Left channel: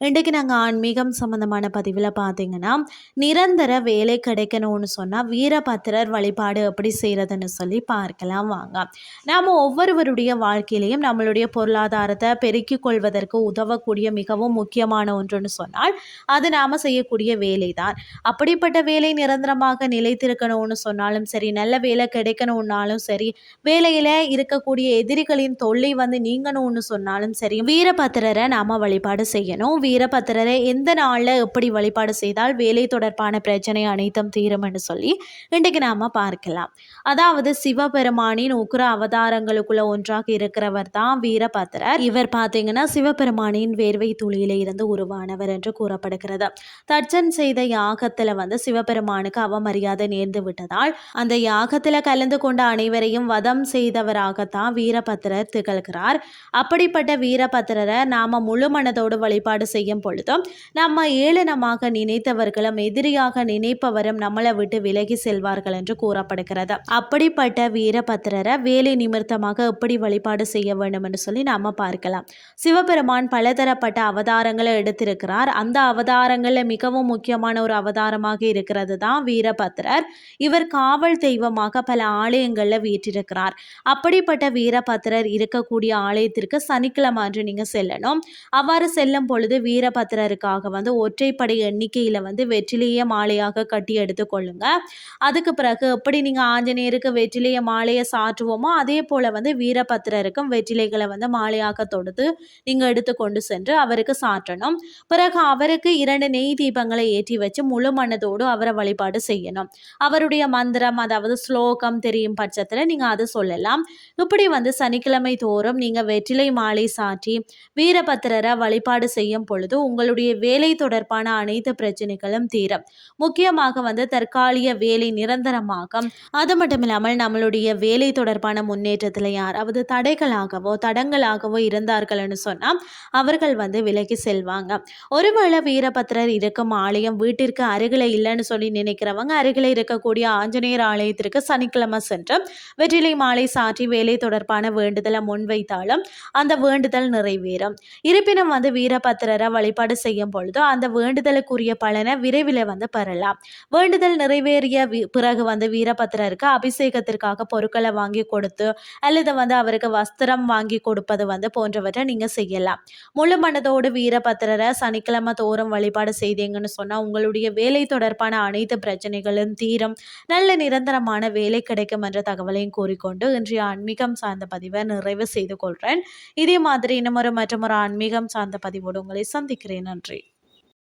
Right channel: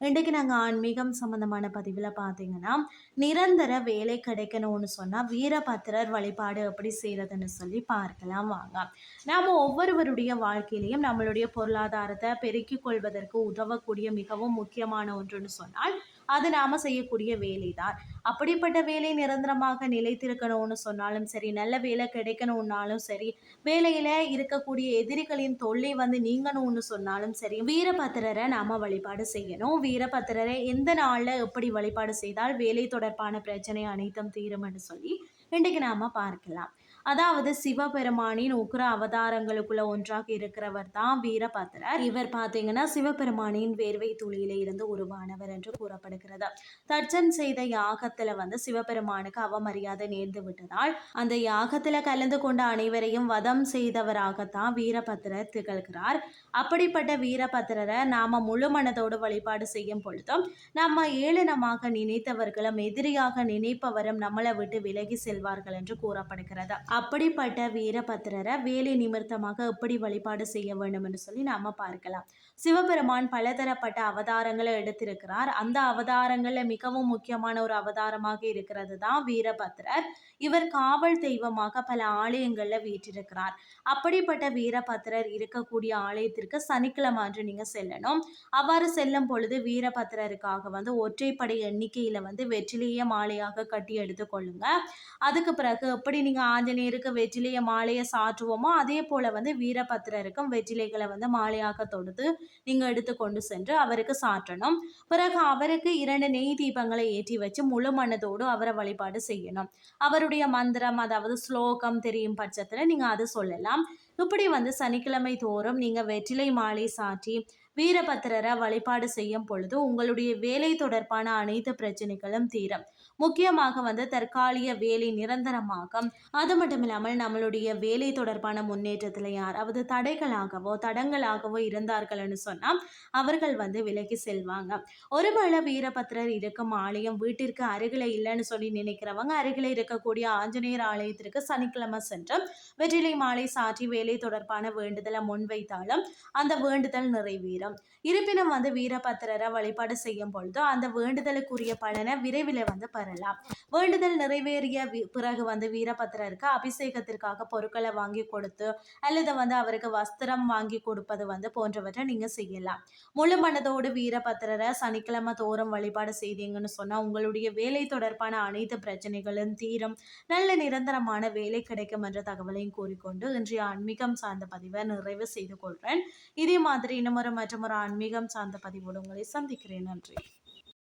இன்றைக்கு நாங்கள் ஆன்மீகம் சம்மந்தமான பதிவில் பார்த்தீங்கன்னா நிரந்தர வேலை கிடைக்கணும்னு சொன்னால் வீரபத்திரர் வழிபாடு எப்படி செய்கிறதுன்னு சொல்லி பார்க்கலாம் வாங்க. நாம் ஒவ்வொருவருடைய வாழ்க்கையிலையும் நம்மளுடைய பொருளாதாரத்தை பெருக்கிக் கொள்வதற்கு உதவக்கூடிய மிகவும் முக்கியமான ஒன்றுன்னு சொன்னால் அது நாம் செய்யக்கூடிய வேலை தான் அப்படிப்பட்ட வேலை நிரந்தரமாக நிலைத்திருக்கணும்னு சொன்னாலும் சரி நல்ல வேலை கிடைக்கணும்னாலும் சரி வேலையில் இருக்கக்கூடிய எதிரிகளின் தொல்லை வந்து நீங்கணும்னு சொன்னாலும் சரி வீரபத்திரரை நாம் வழிபாடு செய்யணும். வீரபத்திரரை எந்த நாளில் எப்படி வழிபாடு செய்தால் வேலை தொடர்பான பிரச்சனை அனைத்தும் தீரும் என்று சொல்லி இன்றைக்கு நாம் பார்க்கலாம். அதாவது சிவபெருமானின் உக்ர அவதாரங்களுக்குள்ள ஒன்றாக இருக்கிறவர் தான் வீரபத்திரர். இவர் பார்த்தீங்கன்னா சிவபெருமானின் வேர்வை துளியில இருந்து உருவானவர் என்று கூறப்படுகிறது. தர்ஜன் செய்த யாகத்தில் வந்து சிவபெருமானுக்கு அவமரியாதை நேர்ந்து விட்டதால் அந்த யாகத்தில் கலந்து கொண்ட அனைவரையும் வதம் செய்தவராகத்தான் வீரபத்திரர் திகழ்கிறார். அப்படிப்பட்ட வீரபத்திரரை நாம முழு மனதோடு வழிபாடு செய்யும் பொழுது நம்ம ஏளனமாக நினைத்தவர்களும் எதிரியாக நினைப்பவரும் நம்மளை விட்டு விலகி செல்வார்கள் என்று கூறப்படுகிறது. அப்படிப்பட்ட வீரபத்திரரை வேலை நிமித்தமாக எப்படி வழிபாடு செய்ய வேண்டும் என்று சொல்லி நாம பார்க்கலாம். சிவபெருமான் பலதரப்பட்ட அவதாரங்களை எடுத்திருக்கிறார். அந்த அவதாரங்களில் மிகவும் முக்கியமான ஒரு அவதாரமாக இருக்கிறது தான் வீரபத்திரர் இவர் காவல் தெய்வமாக பல ஆலயங்களில் வீற்றிருக்கிறார். அப்படிப்பட்ட வீரபத்திரர் இருக்கக்கூடிய ஆலயத்திற்கு சனிக்கிழமை அன்று நீங்க செல்லணும். அவ்வாறு செல்லும் பொழுது வீரபத்திரருக்காக வந்து ஒற்றைப்படை எண்ணிக்கையில் வந்து வெற்றிலேயே மாலையாக கட்டி எடுத்துக்கொள்ளுங்க அதுக்கு பிறகு எப்படி நீங்கள் ஆஞ்சநேயருக்கு வெற்றிலேய மாலையை சாற்றுவோமோ அதே போல் வந்து வீரபத்திரருக்கும் வெற்றிலைகளை வந்து மாலையாக தொடுத்து நீங்கள் எடுத்து கொண்டு சென்று அவருக்கு சாற்றணும். பிறகு அவருக்கு இரண்டு நெய் தீபங்களை ஏற்றி வச்சு முழு மனதோடு அவரை வழிபாடு செய்யணும். அவருடைய மந்திரம் அதாவது ஸ்லோகம் தெரியும் பட்சத்தில் நீங்கள் அதை சொல்லலாம். இப்படி வந்து சனிக்கிழமை தோறும் நீங்கள் வெற்றிலை மாலை சாற்றி வீரபத்திரரை வழிபாடு செய்யும் பொழுது உங்களுடைய வேலை தொடர்பான அனைத்து பிரச்சனைகளும் தீரும். முக்கியமாக வந்து தற்காலிக வேலை நிரந்தரமாகும் அது மட்டும் இல்லாமல் நம்மளுடைய வேலை தொடர்பான முன்னேற்றத்தில் யாராவது தடைகளாகவோ தடங்களாகவோ இருந்தார்கள்னு சொன்னால் அவர்கள் வந்து விலகி செல்வாங்க. ஒருவேளை வீரபத்திரர் இருக்கும் ஆலயம் வீட்டிற்கு அருகில் இல்லைன்னு சொல்லி நினைக்கிறவங்க அருகில் இருக்கக்கூடிய ஆஞ்சநேயர் ஆலயத்திற்கு சனிக்கிழமை சென்று வெற்றிலை மாலை சாற்றி வேலை தொடர்பான வேண்டுதலை முன்வைத்தாலும் அந்த வேண்டுதல் நிறைவேறும். இருப்பினும் வந்து வீரபத்ரர் வழிபாடு செய்யும் பொழுதோ அந்த வேண்டுதலுக்குரிய பலனை விரைவில் வந்து பெறலாம். வேண்டுதல் நிறைவேறிய பிறகு வந்து வீரபத்திரருக்கு அபிஷேகத்திற்காக பொருட்களை வாங்கி கொடுத்து அல்லது வந்து அவருக்கு வஸ்திரம் வாங்கி கொடுப்பது வந்து போன்றவற்றை நீங்கள் செய்யலாம். முழு மனதோடு வீரபத்திரரை சனிக்கிழமை தோறும் வழிபாடு செய்தீங்கன்னு சொன்னால் உங்களுடைய வேலை தொடர்பான அனைத்து பிரச்சனைகளும் தீரும். நல்ல நிரந்தரமான வேலை கிடைக்கும் என்ற தகவலையும் கூறிக்கொண்டு இன்றைய ஆன்மீகம் சார்ந்த பதிவை நிறைவு செய்து கொள்கிறேன் இதே மாதிரி இன்னமொரு மற்றும் ஒரு ஆன்மீகம் சார்ந்த பதிவோடு உங்களை சந்திக்கிறேன். நன்றி.